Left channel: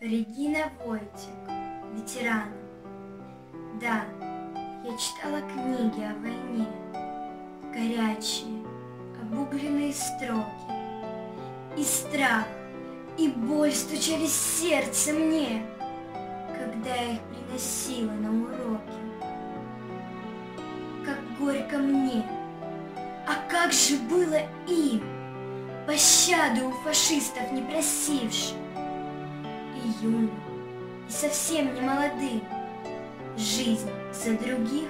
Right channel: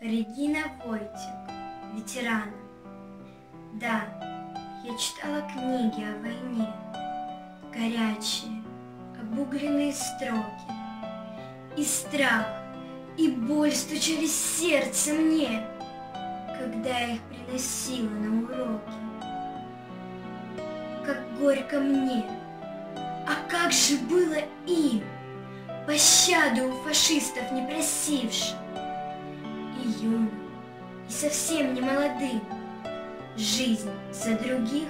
Регина Войтик, ветеран. Да, я читала книги о войне, горячие, обугленные строки. И страх, и боль стучали в сердце мне, когда я их приносила на уроки. Как горько мне, а как же было им, пощаду у фашистов не просившим, и юным, и совсем не молодым, жизнь за других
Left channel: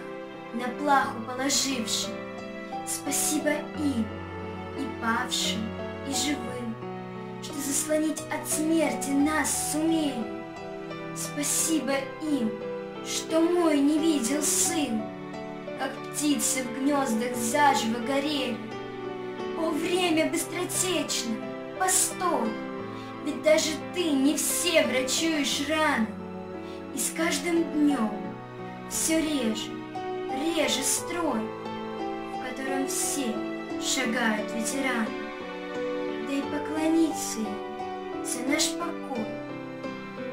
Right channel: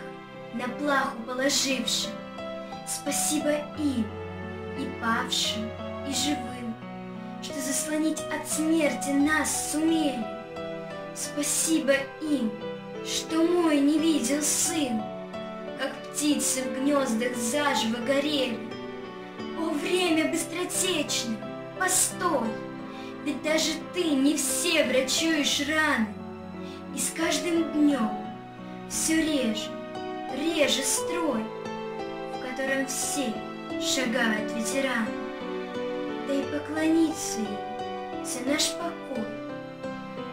на плаху положившим. Спасибо им, и павшим, и живым, что заслонить от смерти нас сумели. Спасибо им, что мой не видел сын, как птицы в гнездах заживо горели. О, время быстротечно, постой, ведь даже ты не все врачуешь раны, и с каждым днем все реже строй, в котором все шагают ветераны. Да и поклониться им за наш покой.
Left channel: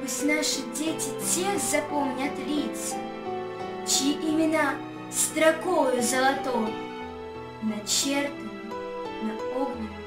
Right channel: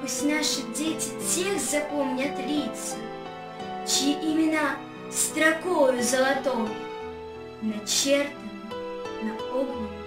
Пусть наши дети тех запомнят лица, чьи имена строкою золотой начертаны на огненном